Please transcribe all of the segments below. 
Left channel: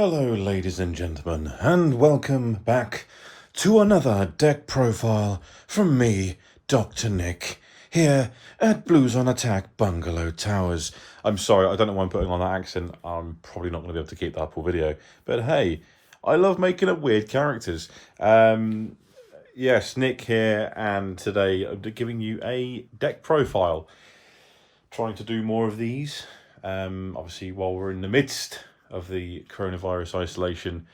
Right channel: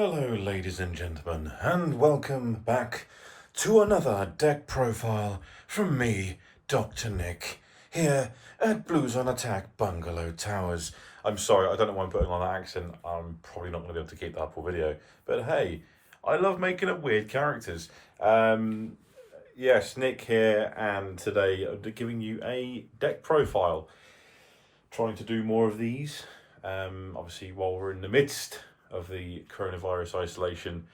Hello ladies and gentlemen, and welcome back to another deck profile from me, Dr. Nick, here at Blues on Attack Bungalow Towers. I'm sorry, I don't know why I'm putting on that accent. I'm probably not going to be able to keep that up all video, but hey, I love making up weird characters. Yes, Nick here, and today I'm giving you a deck profile. Trying to do more of these, obviously while we're in the midst of the coronavirus isolation,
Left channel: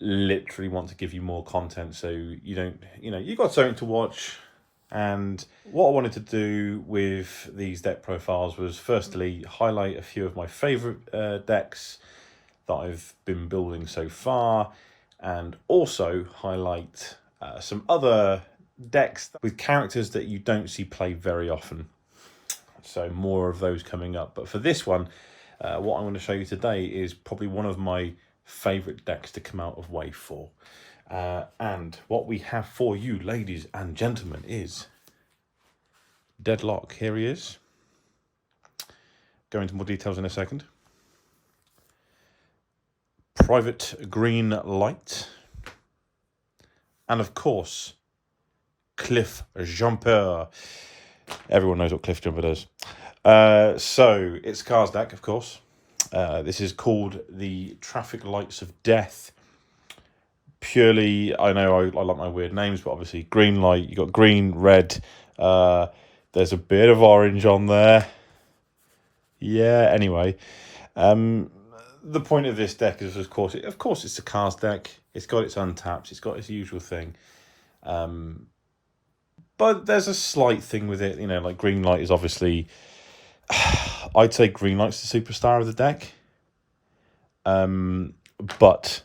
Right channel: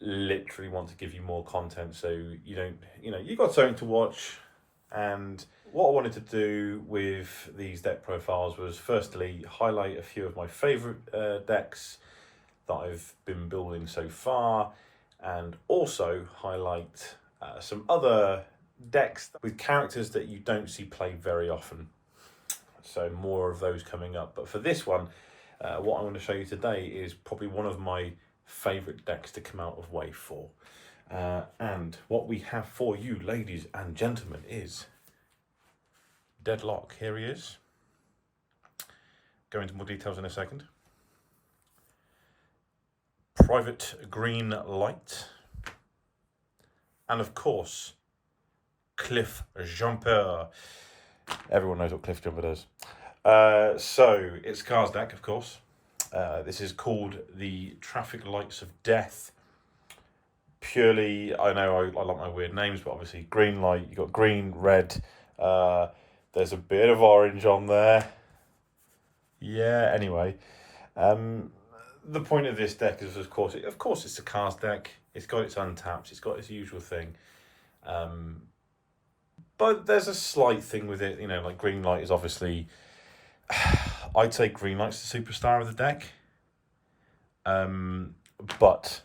literally want to give you more content so you don't, you've got something to watch. And what I wanted to do with these deck profiles was firstly highlight a few of my favorite decks that I've been building so far, and also highlight some other decks with characters that you don't see played very often. So more of those coming up. But for this one, what I'm going to show you today is probably one of my favourite decks to come out of Wave 4. And what we have for you, ladies and gentlemen, is Deadlock. Here he is. Go into more details in a second. Private Green Light. And of course, Cliff Jumper. Everyone knows what Cliff Jumper does. So it's a cards deck, of course. This is called the Traffic Lights of Death. Purely, I know I like my weird names, but obviously green light, you got green, red, there's a bit of orange on there. Yeah, anyway. The point of this deck is, of course, it's a cards deck. It's got its untapped, it's got its usual thing. But there's a slight thing with it, like green light is obviously, I'd say green light's the superstar of the deck. But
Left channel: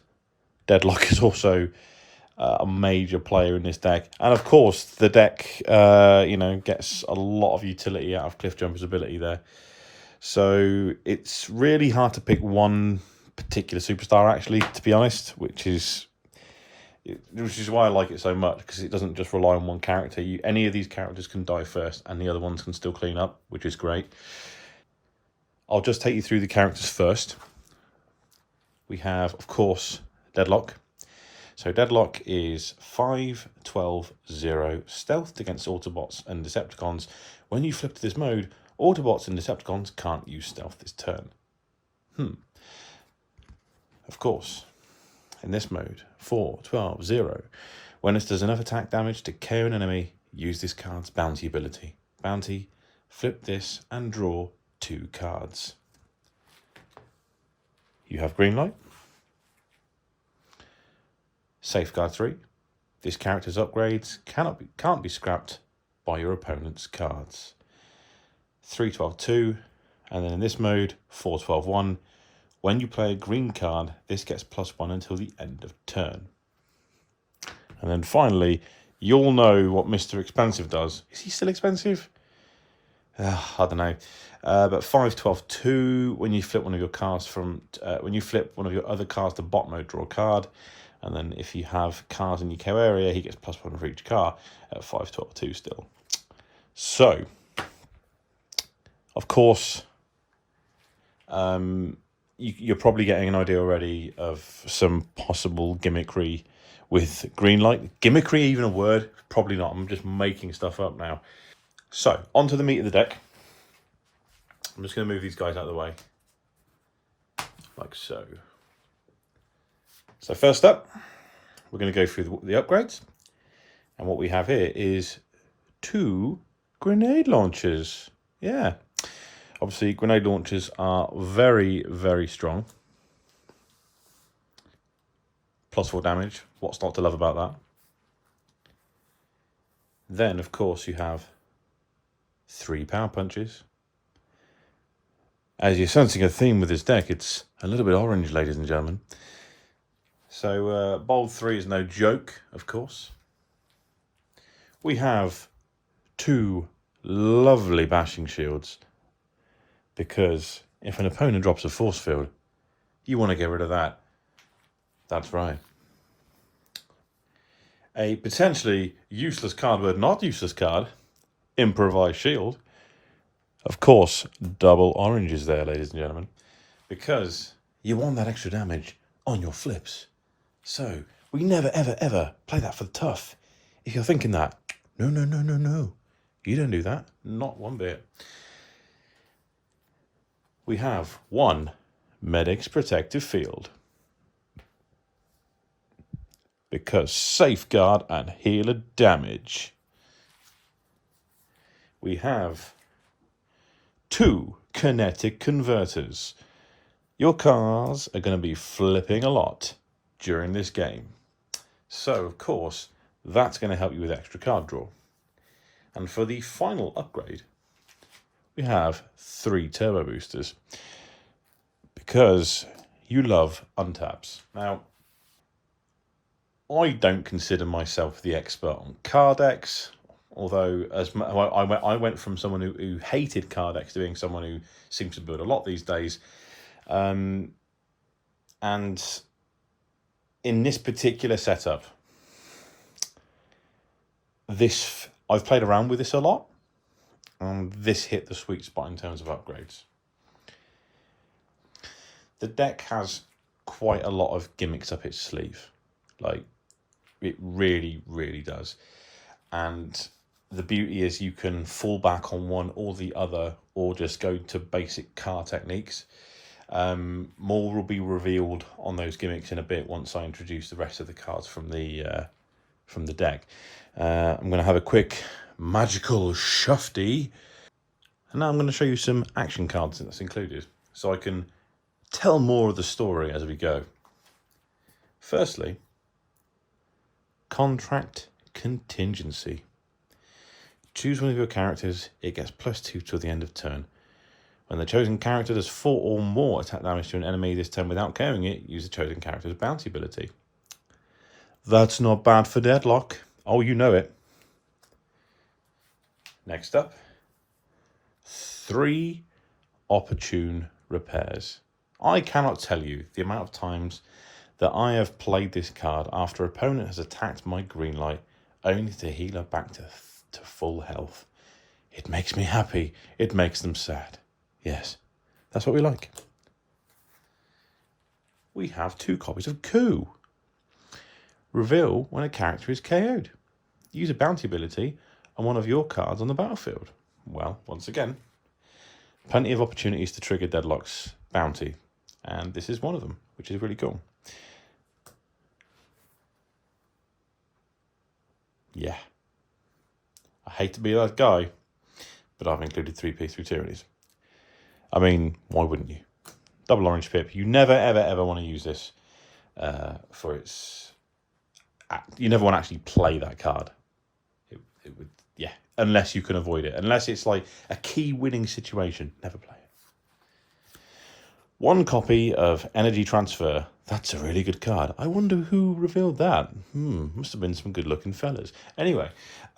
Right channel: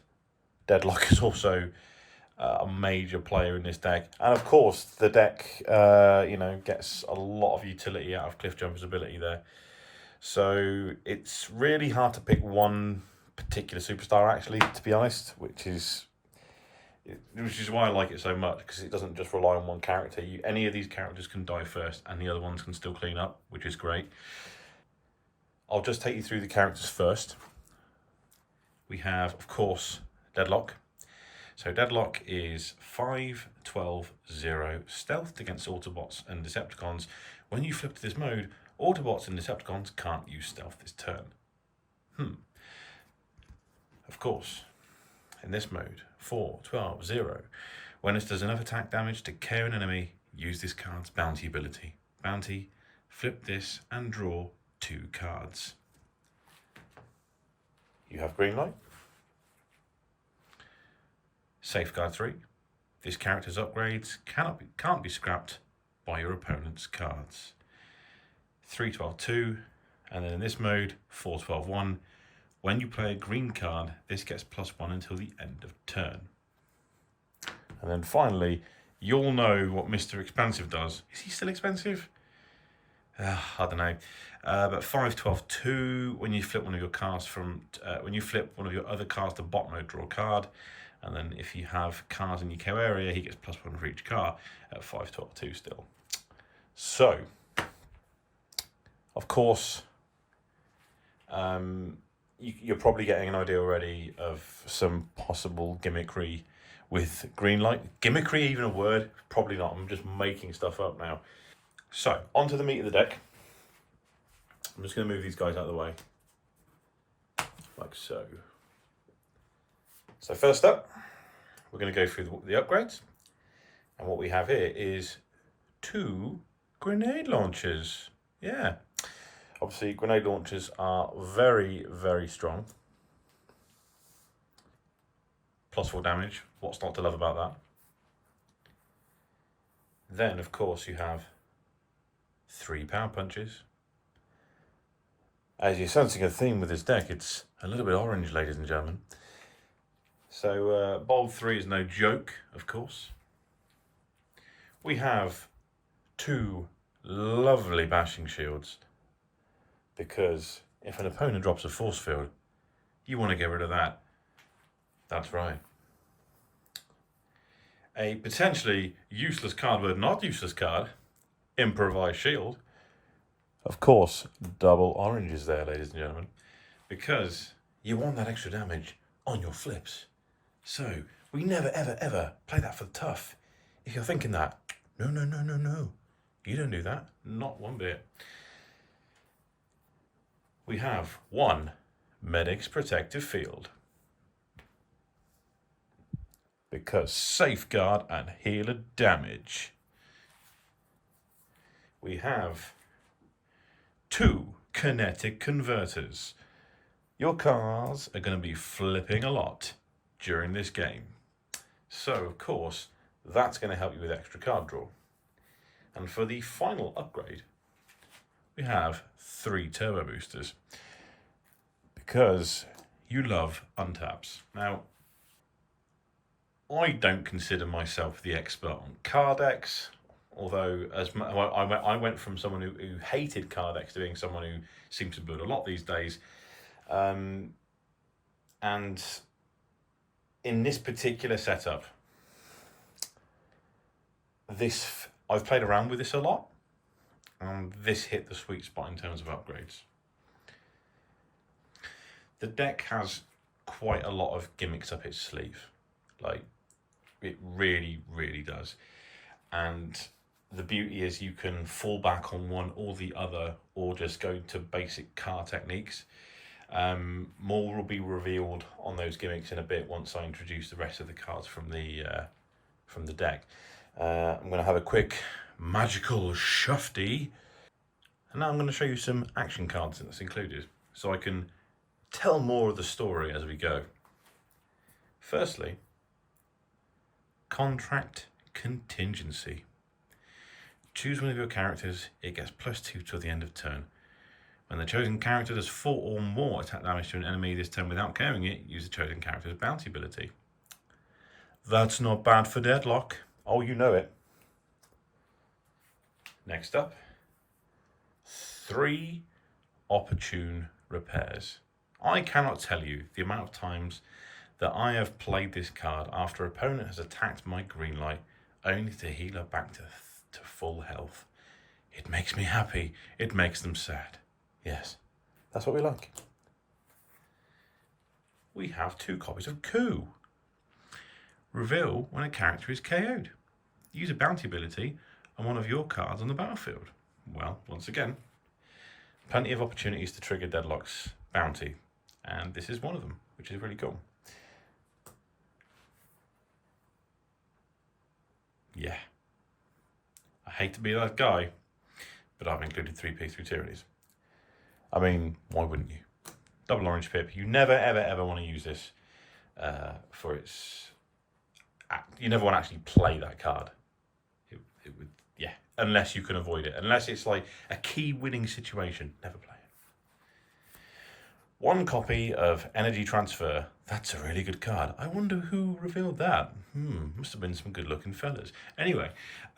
Deadlock is also a major player in this deck. And of course, the deck, gets a lot of utility out of Cliff Jumper's ability there. So it's really hard to pick one particular superstar, actually, to be honest, which is why I like it so much, because it doesn't just rely on one character. Any of these characters can die first, and the other ones can still clean up, which is great. I'll just take you through the characters first. We have, of course, Deadlock. So Deadlock is 5-12-0, stealthed against Autobots and Decepticons. When you flip to this mode, Autobots and Decepticons can't use stealth this turn. Of course, in this mode, 4-12-0. When it does enough attack damage to KO an enemy, use this card's bounty ability. Bounty, flip this and draw 2 cards. You have green light. Safeguard 3. This character's upgrades can't be scrapped by your opponent's cards. 3-12-2, and then in this mode, 4-12-1. When you play a green card, this gets +1 until the end of turn. And then finally, you'll know what Mr. Expensive does. Is he still expensive? I don't know. But 5-12-2, when you flip one of your cards when you flip one of your other cards to bot mode, draw a card. And then if you have cards in your KO area, he gets +1 for each card at 5-12-2 still. So, of course, you're probably getting an idea already of some possible gimmickry with green light. Gimmickry, even a word? Probably not. I'm just making stuff up now. So, on to the meat of the deck. I'm just going to move these guys out of the way. Like so. So first up, we're going to go through the upgrades. And what we have here is 2 grenade launchers. Yeah. Obviously, grenade launchers are very, very strong. +4 damage. What's not to love about that? Then, of course, you have 3 power punches. As you're sensing a theme with this deck, it's a little bit orange, ladies and gentlemen. So, bold 3 is no joke, of course. We have 2 lovely bashing shields, because if an opponent drops a force field, you want to get rid of that. That's right. A potentially useless card, but not useless card, Improvised Shield. Of course, double oranges there, ladies and gentlemen, because You want that extra damage on your flips. So we never, ever, ever play that for the tough. If you're thinking that, no, no, no, no, no. You don't do that. Not one bit. We have 1 Medic's Protective Field. Because Safeguard and Healer damage. We have 2 Kinetic Converters. Your cards are going to be flipping a lot during this game. So, of course, that's going to help you with extra card draw. And for the final upgrade, we have 3 Turbo Boosters. Because you love untaps. Now, I don't consider myself the expert on card decks, although I went from someone who hated card decks to being someone who seems to build a lot these days. And in this particular setup, I've played around with this a lot, and this hit the sweet spot in terms of upgrades. The deck has quite a lot of gimmicks up its sleeve. Like, it really, really does. And the beauty is you can fall back on one or the other, or just go to basic card techniques. More will be revealed on those gimmicks in a bit once I introduce the rest of the cards from the deck. I'm going to have a quick magical shufty, and now I'm going to show you some action cards that's included, so I can tell more of the story as we go. Firstly, Contract Contingency. Choose one of your characters, it gets +2 till the end of turn. When the chosen character does 4 or more attack damage to an enemy this turn without KOing it, use the chosen character's bounty ability. That's not bad for Deadlock. Oh, you know it. Next up, 3 Opportune Repairs. I cannot tell you the amount of times that I have played this card after opponent has attacked my green light, only to heal her back to full health. It makes me happy. It makes them sad. Yes, that's what we like. We have 2 copies of Coup. Reveal when a character is KO'd. Use a bounty ability on one of your cards on the battlefield. Well, once again, plenty of opportunities to trigger Deadlock's bounty, and this is one of them, which is really cool. Yeah. I hate to be that guy, but I've included 3 P3 tyrannies. I mean, why wouldn't you? Double orange pip. You never, ever, ever want to use this for its... You never want to actually play that card. It would, yeah, unless you can avoid it. Unless it's like a key winning situation, never play it. 1 copy of Energy Transfer. That's a really good card. I wonder who revealed that. Must have been some good looking fellas. Anyway,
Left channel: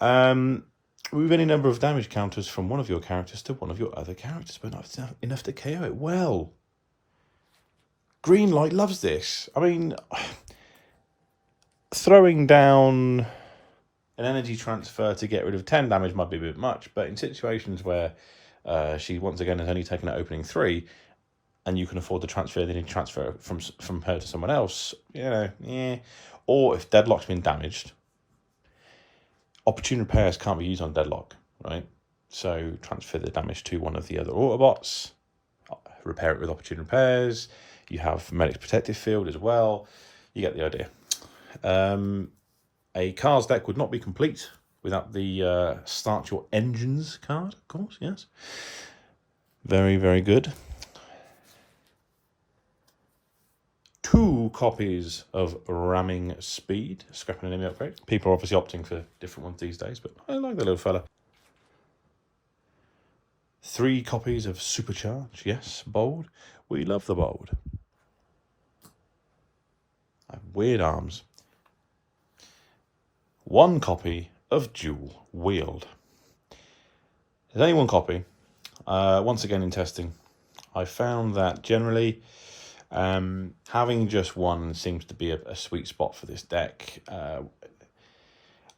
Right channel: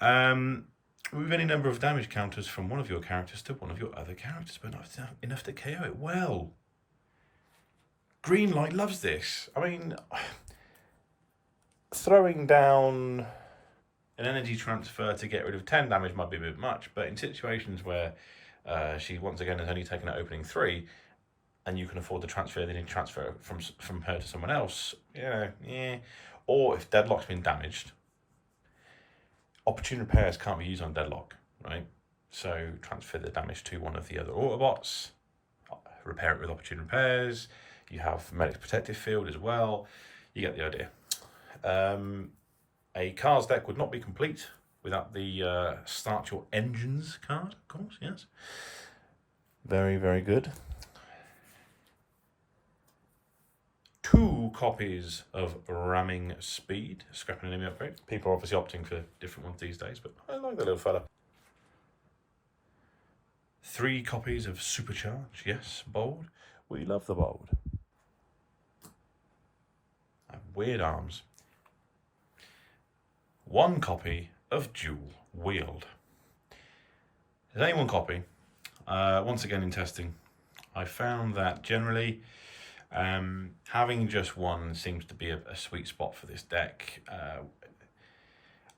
move any number of damage counters from one of your characters to one of your other characters, but not enough to KO it. Well, Greenlight loves this. I mean, throwing down an Energy Transfer to get rid of 10 damage might be a bit much, but in situations where she once again has only taken an opening 3, and you can afford to transfer, then you transfer from her to someone else, you know, yeah. Or if Deadlock's been damaged, Opportune Repairs can't be used on Deadlock, right? So transfer the damage to one of the other Autobots, repair it with Opportune Repairs. You have Medic's Protective Field as well. You get the idea. A cards deck would not be complete without the Start Your Engines card, of course, yes. Very, very good. 2 copies of Ramming Speed, scrapping an enemy upgrade. People are obviously opting for different ones these days, but I like the little fella. 3 copies of Supercharge, yes, bold. We love the bold. Weird arms. 1 copy of Dual Wield. There's only 1 copy. Once again in testing, I found that generally having just 1 seems to be a sweet spot for this deck.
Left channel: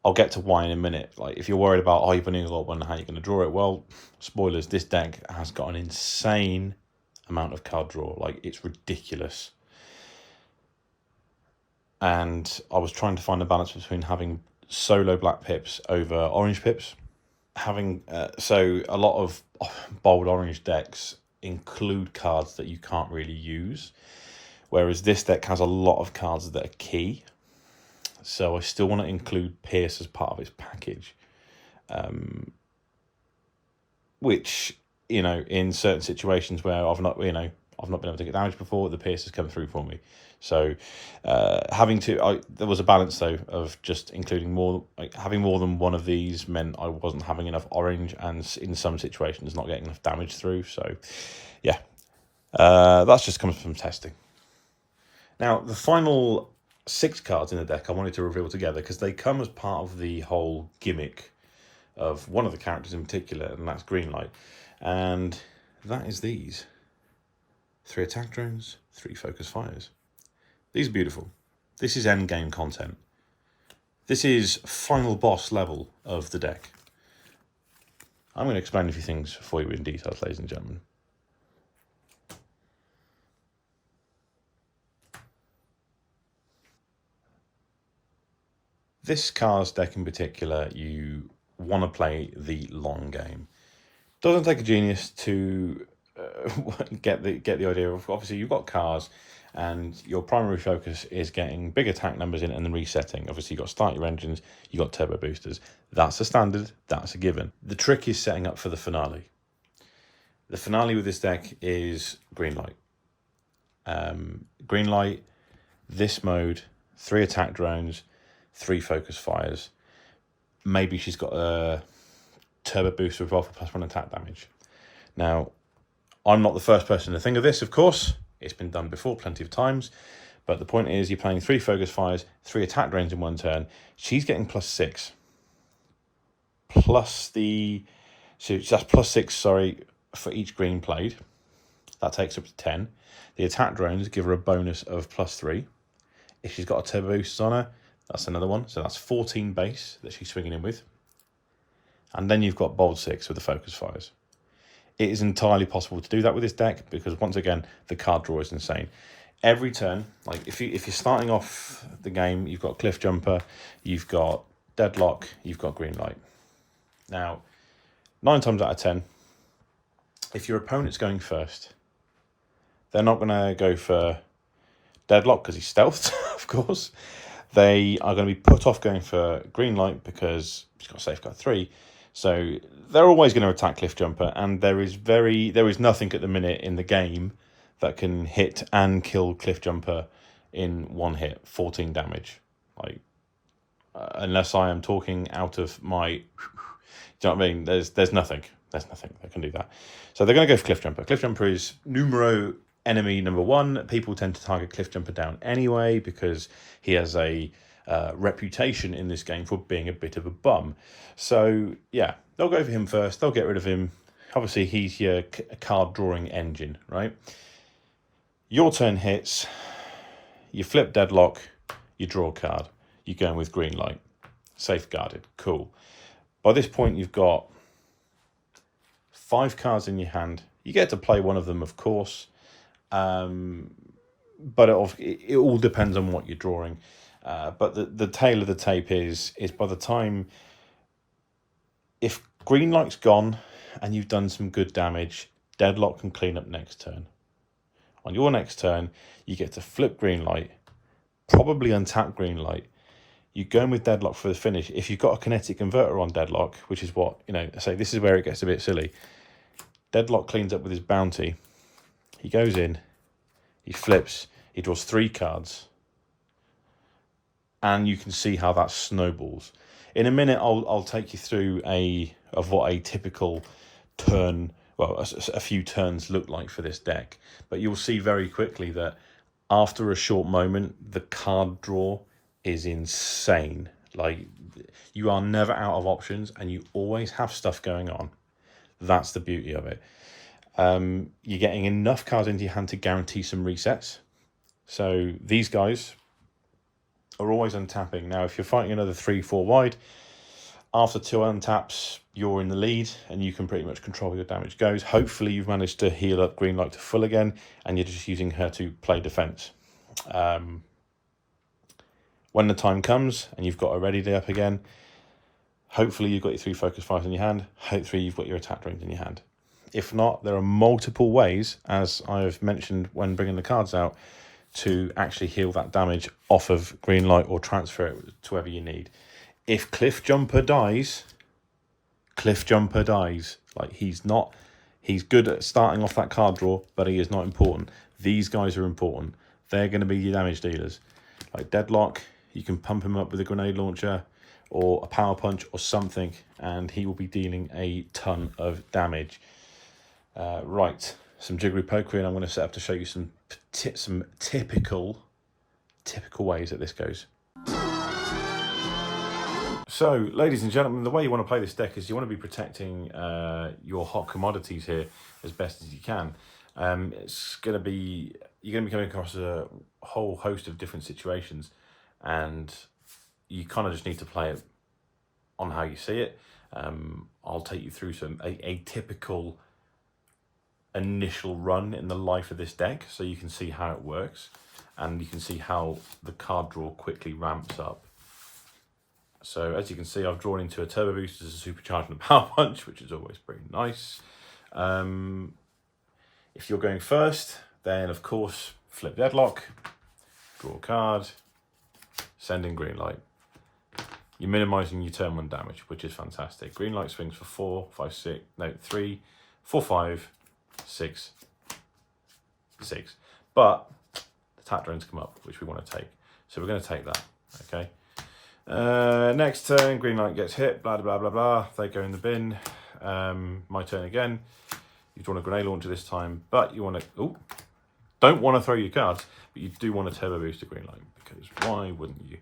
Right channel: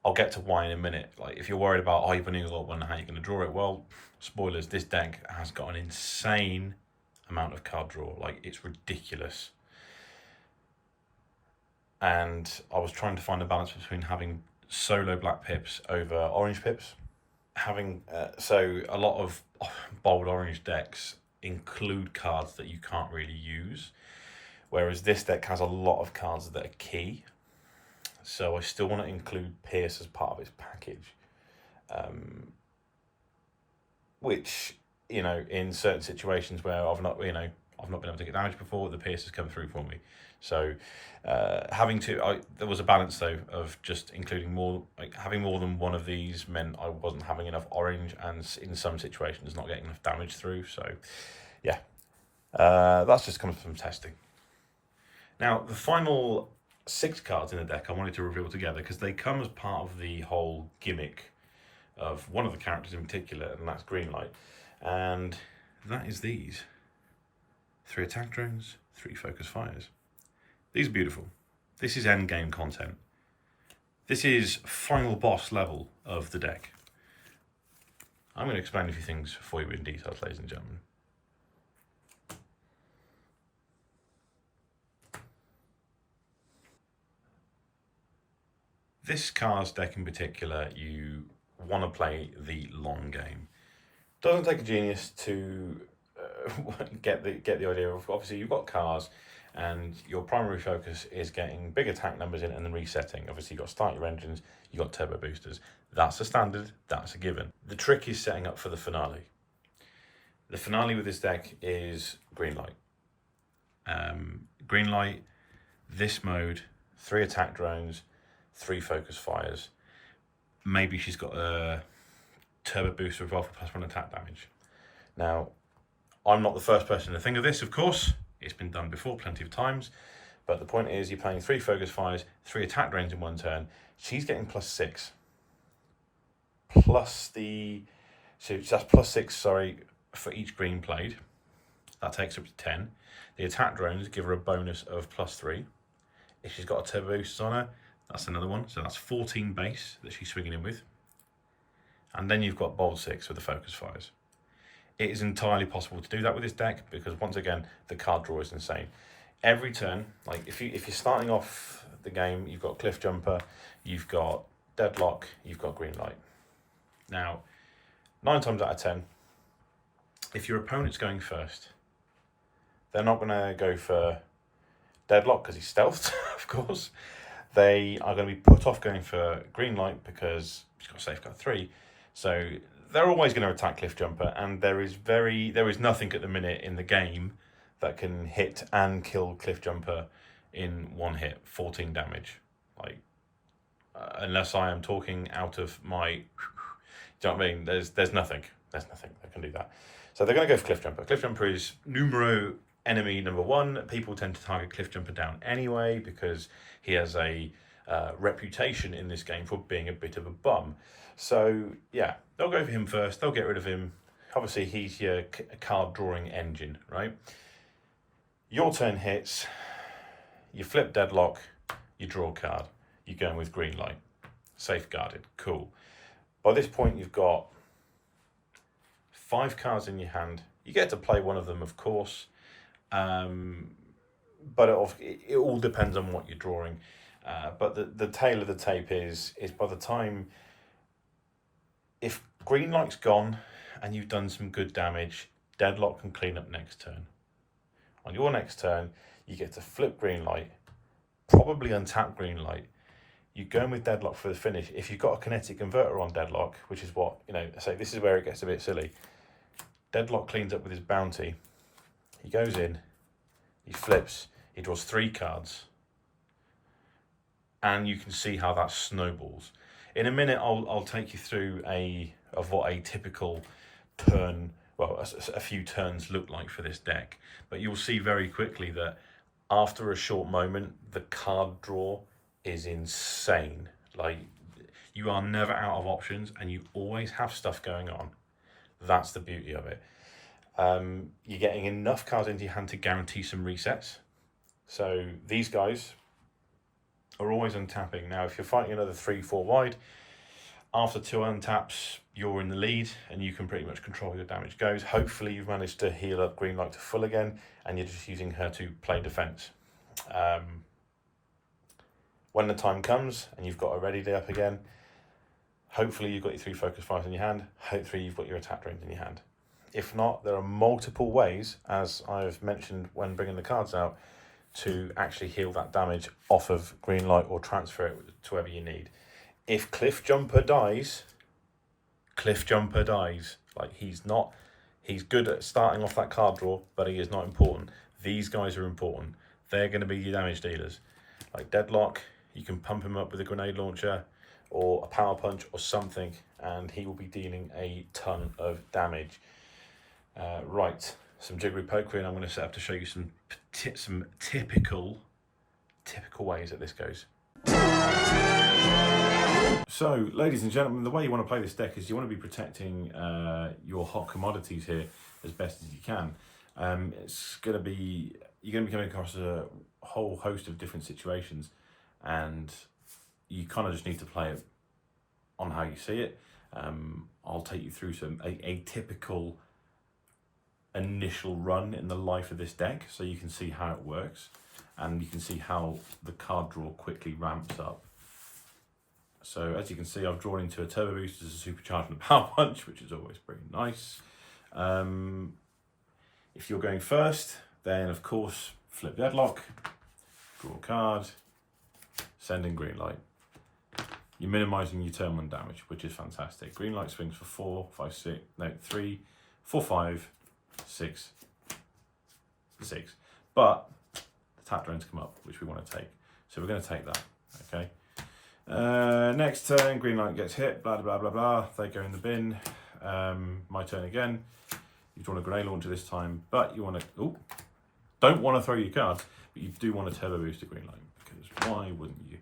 I'll get to why in a minute. Like, if you're worried about, you've only got 1, how you're going to draw it? Well, spoilers, this deck has got an insane amount of card draw. Like, it's ridiculous. And I was trying to find a balance between having solo black pips over orange pips. Having so a lot of bold orange decks include cards that you can't really use, whereas this deck has a lot of cards that are key. So I still want to include Pierce as part of its package, which, you know, in certain situations where I've not been able to get damage before, the Pierce has come through for me. So there was a balance though of just including more, like having more than one of these meant I wasn't having enough orange, and in some situations not getting enough damage through. So yeah, that's just comes from testing. Now the final 6 cards in the deck I wanted to reveal together because they come as part of the whole gimmick of one of the characters in particular, and that's Greenlight. And that is these 3 attack drones, 3 focus fires. These are beautiful. This is end game content. This is final boss level of the deck. I'm going to explain a few things for you in detail, ladies and gentlemen. This cards deck in particular, you want to play the long game. Doesn't take a genius to get the idea of, obviously you've got cards and your primary focus is getting big attack numbers in and then resetting. Obviously you've got to start your engines, you've got turbo boosters. That's a standard, that's a given. The trick is setting up for the finale. The finale with this deck is Greenlight. Greenlight, this mode, 3 attack drones, 3 focus fires. Maybe she's got a turbo booster as well for +1 attack damage. Now, I'm not the first person to think of this, of course. It's been done before plenty of times. But the point is, you're playing 3 focus fires, 3 attack drones in 1 turn. She's getting +6. So that's +6, sorry, for each green played. That takes up to 10. The attack drones give her a bonus of +3. If she's got a turbo boost on her, that's another one. So that's 14 base that she's swinging in with. And then you've got bold 6 with the focus fires. It is entirely possible to do that with this deck because, once again, the card draw is insane. Every turn, like if you're starting off the game, you've got Cliff Jumper, you've got Deadlock, you've got Greenlight. Now, 9 times out of 10, if your opponent's going first, they're not going to go for Deadlock because he's stealthed, of course. They are going to be put off going for Greenlight because he's got Safeguard 3. So they're always going to attack Cliff Jumper, and there is nothing at the minute in the game that can hit and kill Cliff Jumper in 1 hit, 14 damage. Like, unless I am talking out of my, do you know what I mean? There's nothing that can do that. So they're going to go for Cliff Jumper. Cliff Jumper is numero enemy number 1. People tend to target Cliff Jumper down anyway because he has a reputation in this game for being a bit of a bum. So yeah, they'll go for him first. They'll get rid of him. Obviously, he's your card drawing engine, right? Your turn hits. You flip Deadlock. You draw a card. You're going with Greenlight. Safeguarded. Cool. By this point, you've got 5 cards in your hand. You get to play one of them, of course. But it all depends on what you're drawing. But the tail of the tape is by the time, if Greenlight's gone and you've done some good damage, Deadlock can clean up next turn. On your next turn, you get to flip Greenlight, probably untap Greenlight. You go in with Deadlock for the finish. If you've got a kinetic converter on Deadlock, which is what, I say, this is where it gets a bit silly. Deadlock cleans up with his bounty. He goes in, he flips, he draws 3 cards. And you can see how that snowballs. In a minute, I'll take you through what a typical turn, well, a few turns look like for this deck. But you'll see very quickly that after a short moment, the card draw is insane. Like, you are never out of options and you always have stuff going on. That's the beauty of it. You're getting enough cards into your hand to guarantee some resets. So these guys are always untapping. Now, if you're fighting another 3-4 wide, After 2 untaps, you're in the lead and you can pretty much control where your damage goes. Hopefully you've managed to heal up green light to full again and you're just using her to play defense. When the time comes and you've got a ready day up again, hopefully you've got your 3 focus fires in your hand. Hopefully you've got your attack drones in your hand. If not, there are multiple ways, as I've mentioned when bringing the cards out, to actually heal that damage off of green light or transfer it to wherever you need. If Cliff Jumper dies, like he's good at starting off that card draw, but he is not important. These guys are important. They're going to be your damage dealers. Like Deadlock, you can pump him up with a grenade launcher or a power punch or something, and he will be dealing a ton of damage. Right, some Jiggery Pokery, and I'm going to set up to show you some typical ways that this goes. So, ladies and gentlemen, the way you want to play this deck is you want to be protecting your hot commodities here as best as you can. You're going to be coming across a whole host of different situations, and you kind of just need to play it on how you see it. I'll take you through a typical initial run in the life of this deck, so you can see how it works, and you can see how the card draw quickly ramps up. So as you can see, I've drawn into a Turbo Boost as a Supercharge and a Power Punch, which is always pretty nice. If you're going first, then of course, flip Deadlock, draw a card, send in green light. You're minimising your turn 1 damage, which is fantastic. Green light swings for 3, 4, 5, 6, 6. But the attack drones come up, which we want to take. So we're going to take that, okay? Next turn, green light gets hit, blah, blah, blah, blah. They go in the bin. My turn again. You've drawn a grenade launcher this time, but you want to, don't want to throw your cards, but you do want to Turbo Boost a green light, because why wouldn't you?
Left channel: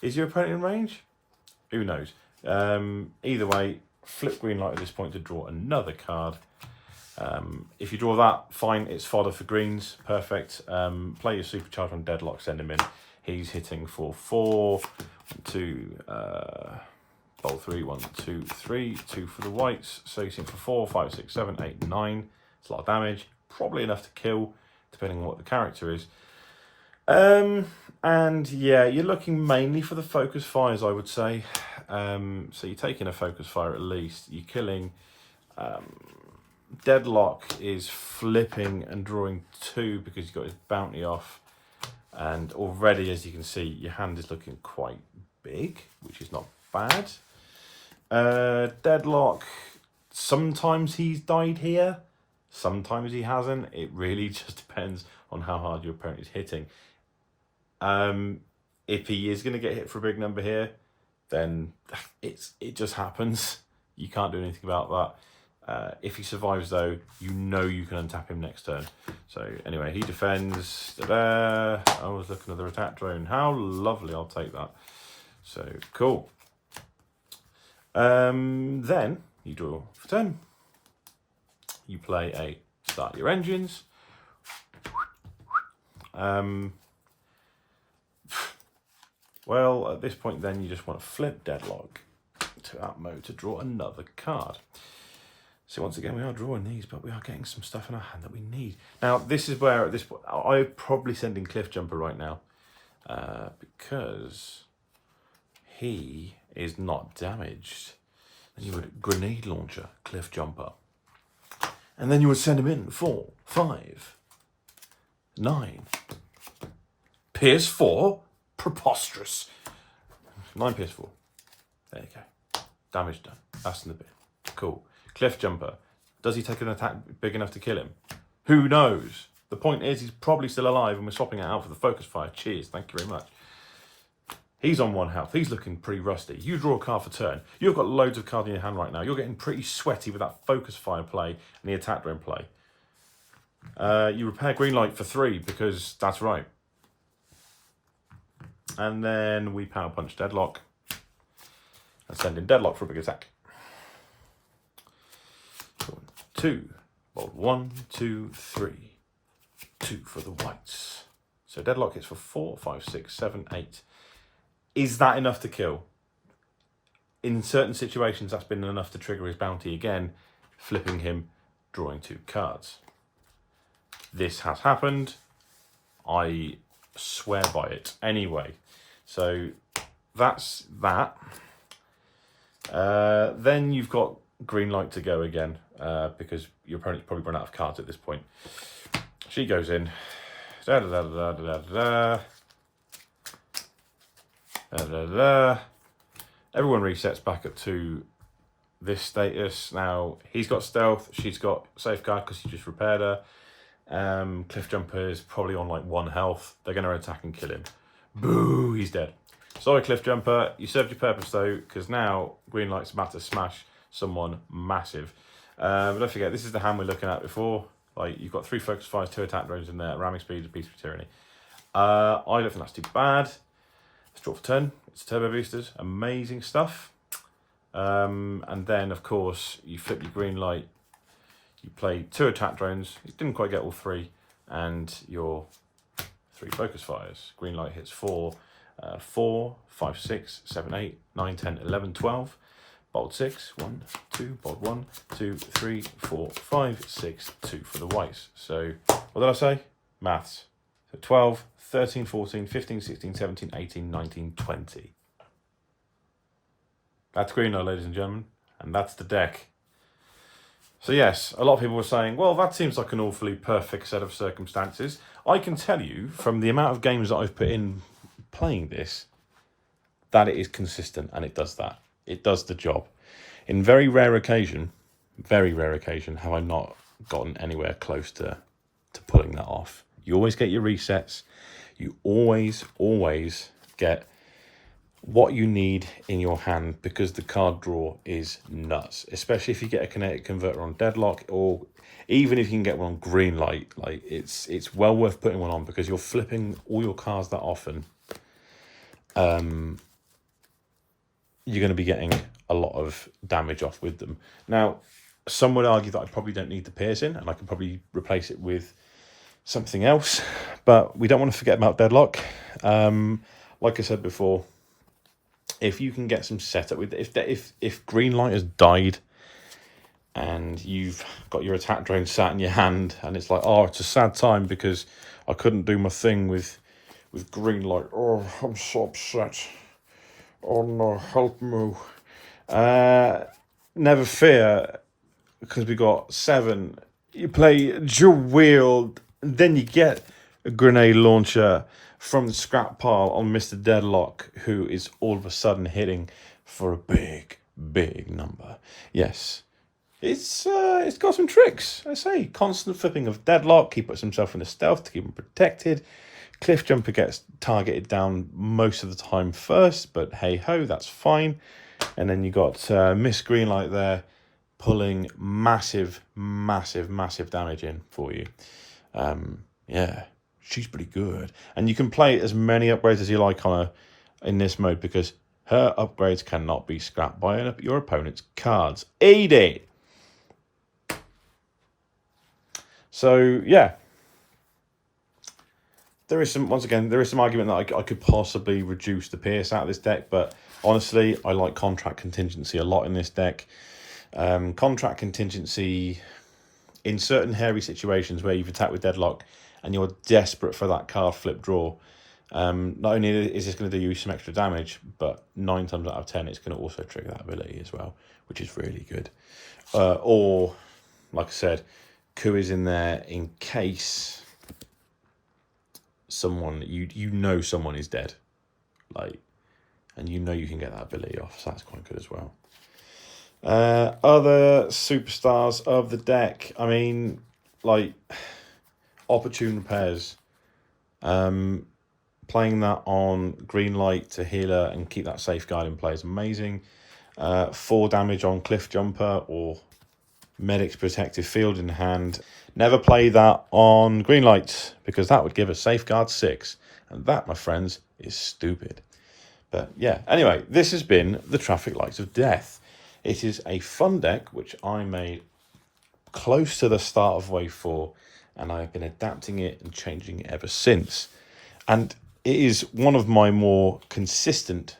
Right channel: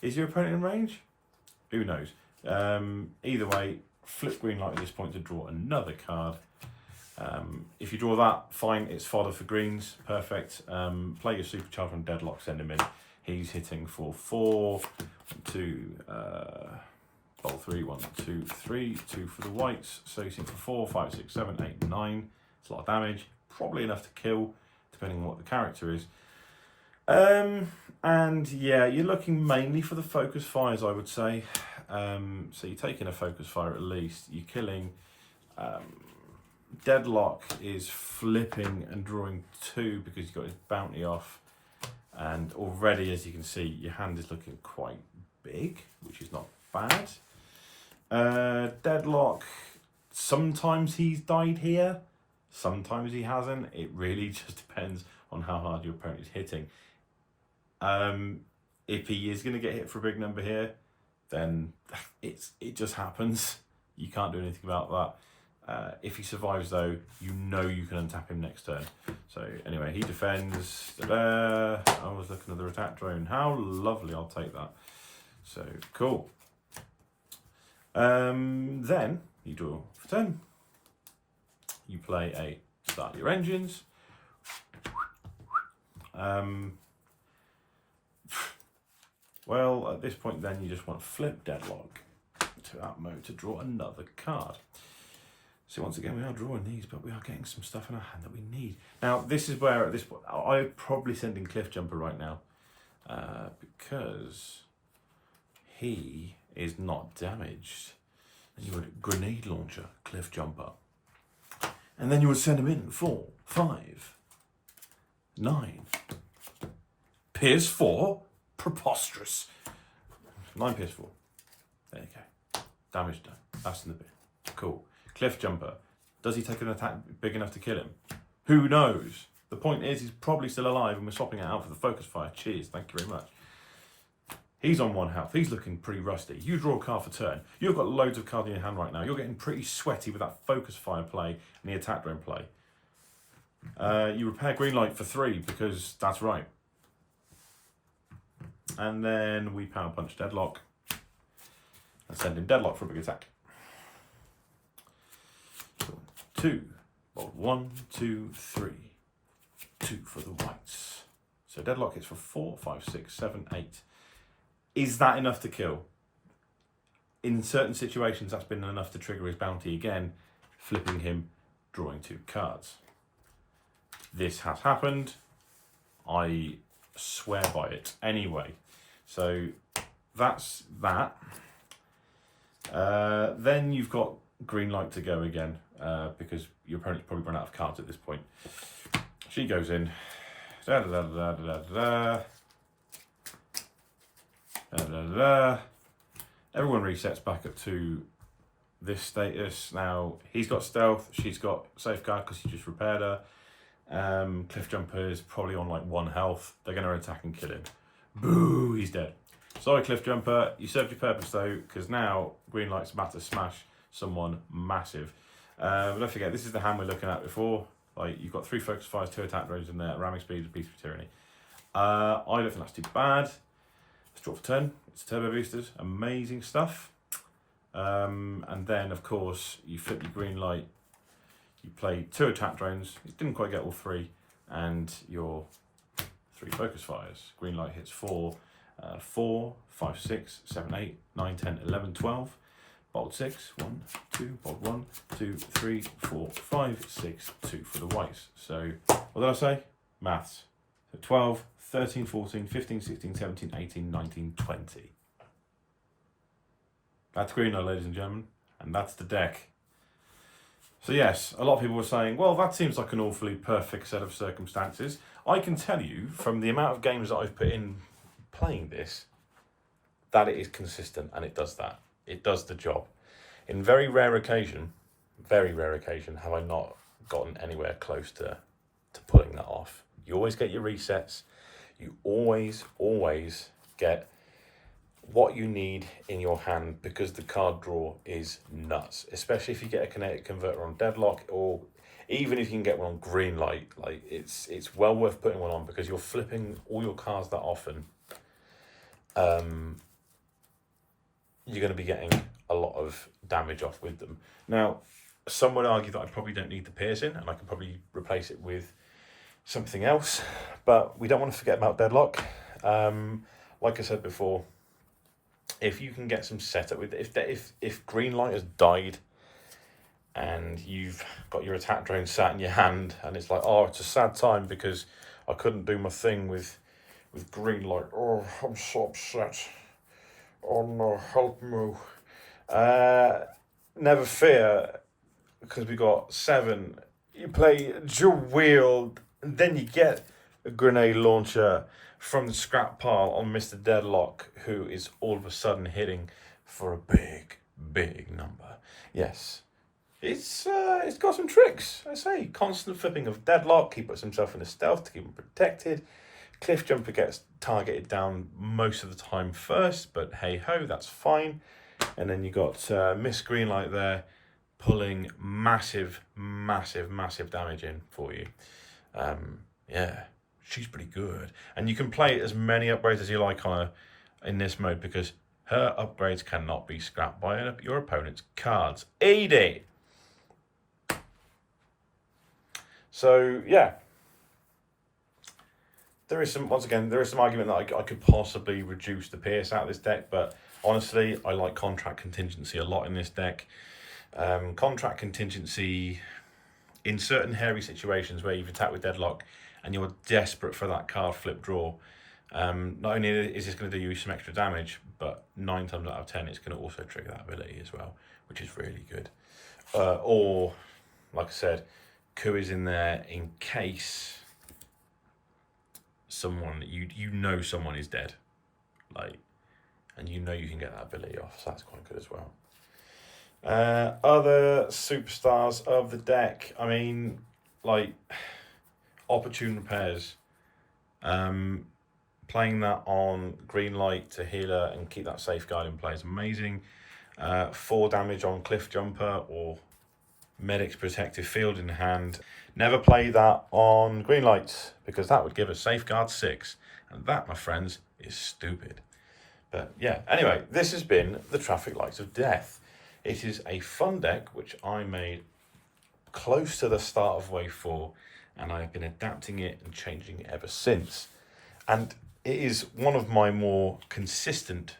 Is your opponent in range? Who knows? Either way, flip green light at this point to draw another card. If you draw that, fine, it's fodder for greens, perfect. Play your Supercharge on Deadlock, send him in. He's hitting for 4, 2, bowl 3, 1, 2, 3, 2 for the whites. So he's hitting for 4, 5, 6, 7, 8, 9. It's a lot of damage, probably enough to kill, depending on what the character is. And yeah, you're looking mainly for the focus fires, I would say. So you're taking a focus fire at least. You're killing. Deadlock is flipping and drawing 2 because you've got his bounty off. And already, as you can see, your hand is looking quite big, which is not bad. Deadlock, sometimes he's died here, sometimes he hasn't. It really just depends on how hard your opponent is hitting. If he is going to get hit for a big number here, then it just happens. You can't do anything about that. If he survives though, you know you can untap him next turn. So anyway, he defends. I was looking at the attack drone. How lovely, I'll take that. So cool. Then you draw for 10. You play a start your engines. Well, at this point then you just want to flip Deadlock to that mode to draw another card. So once again, we are drawing these, but we are getting some stuff in our hand that we need. Now, this is where, at this point, I'd probably send in Cliff Jumper right now, because he is not damaged. And you would grenade launcher, Cliff Jumper. And then you would send him in 4, 5, 9. Pierce 4, preposterous. 9 Pierce 4. There you go. Damage done. That's in the bin. Cool. Cliff Jumper. Does he take an attack big enough to kill him? Who knows? The point is he's probably still alive and we're swapping it out for the focus fire. Cheers, thank you very much. He's on 1 health. He's looking pretty rusty. You draw a card for turn. You've got loads of cards in your hand right now. You're getting pretty sweaty with that focus fire play and the attack drone play. You repair green light for 3 because that's right. And then we power punch Deadlock and send in Deadlock for a big attack. 2, bold 1, 2, 3, 2 for the whites. So Deadlock is for 4, 5, 6, 7, 8. Is that enough to kill? in certain situations, that's been enough to trigger his bounty again, flipping him, drawing 2 cards. This has happened. I swear by it. Anyway, so that's that. Then you've got green light to go again, because your opponent's probably run out of cards at this point. She goes in. Da, da, da, da, da, da, da, da, da. Everyone resets back up to this status. Now, he's got stealth, she's got safeguard because he just repaired her. Cliff Jumper is probably on like 1 health. They're going to attack and kill him. Boo, he's dead. Sorry, Cliff Jumper, you served your purpose though, because now green light's about to smash someone massive. Don't forget, this is the hand we're looking at before. Like, you've got 3 focus fires, 2 attack drones in there, ramming speed, a piece of tyranny. I don't think that's too bad. Let's draw for 10. It's turbo boosters, amazing stuff. And then, of course, you flip your green light. You play 2 attack drones. You didn't quite get all 3, and your 3 focus fires. Green light hits 4, 5, 6, 7, 8, 9, 10, 11, 12. Bolt 6, 1, 2, bolt 1, 2, 3, 4, 5, 6, 2 for the whites. So, what did I say? Maths. So 12, 13, 14, 15, 16, 17, 18, 19, 20. That's green light, ladies and gentlemen, and that's the deck. So yes, a lot of people were saying, well, that seems like an awfully perfect set of circumstances. I can tell you, from the amount of games that I've put in playing this, that it is consistent, and it does that. It does the job. In very rare occasion, have I not gotten anywhere close to pulling that off. You always get your resets. You always get what you need in your hand, because the card draw is nuts. Especially if you get a kinetic converter on deadlock, or even if you can get one on green light. Like, it's well worth putting one on, because you're flipping all your cards that often. You're going to be getting a lot of damage off with them. Now, some would argue that I probably don't need the piercing, and I can probably replace it with something else, but we don't want to forget about deadlock. Like I said before, if you can get some setup with, if green light has died and you've got your attack drone sat in your hand, and it's like, oh, it's a sad time because I couldn't do my thing with green light. Oh, I'm so upset. Oh no, help me. Never fear, because we got 7. You play dual wield, and then you get a grenade launcher from the scrap pile on Mr. Deadlock, who is all of a sudden hitting for a big number. Yes, it's got some tricks. I say, constant flipping of Deadlock. He puts himself in a stealth to keep him protected. Cliff Jumper gets targeted down most of the time first, but hey ho, that's fine. And then you got Miss Greenlight there pulling massive damage in for you. Yeah, she's pretty good. And you can play as many upgrades as you like on her in this mode, because her upgrades cannot be scrapped by your opponent's cards. Eat it! So, yeah. There is some argument that I could possibly reduce the PS out of this deck, but honestly, I like contract contingency a lot in this deck. Contract contingency in certain hairy situations where you've attacked with deadlock and you're desperate for that card flip draw. Not only is this going to do you some extra damage, but 9 times out of 10, it's going to also trigger that ability as well, which is really good. Or, like I said, Ku is in there in case someone someone is dead, like, and you can get that ability off, so that's quite good as well. Other superstars of the deck, I mean, like opportune pairs. Playing that on green light to healer and keep that safeguard in play is amazing. 4 damage on Cliff Jumper or Medic's Protective Field in hand. Never play that on green light, because that would give a safeguard 6, and that, my friends, is stupid. But yeah, anyway, this has been the Traffic Lights of Death. It is a fun deck which I made close to the start of Wave 4, and I've been adapting it and changing it ever since. And it is one of my more consistent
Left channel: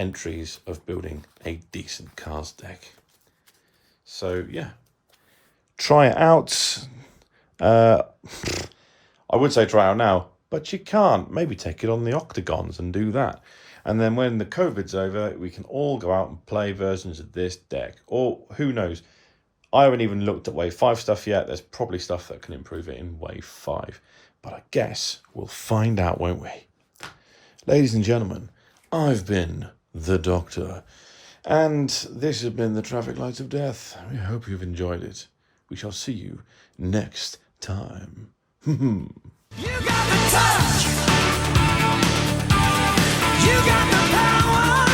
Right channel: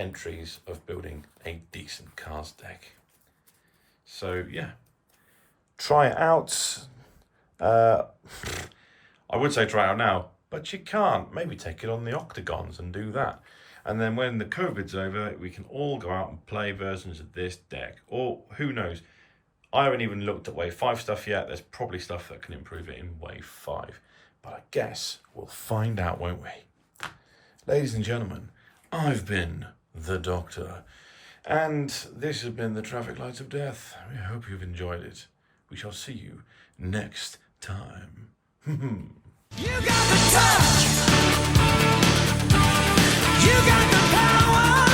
entries of building a decent cards deck. So yeah, try it out. I would say try it out now, but you can't. Maybe take it on the octagons and do that. And then when the COVID's over, we can all go out and play versions of this deck. Or who knows? I haven't even looked at Wave 5 stuff yet. There's probably stuff that can improve it in Wave 5. But I guess we'll find out, won't we? Ladies and gentlemen, I've been the Doctor. And this has been the Traffic Lights of Death. We hope you've enjoyed it. We shall see you next time. You got the touch. You got the power.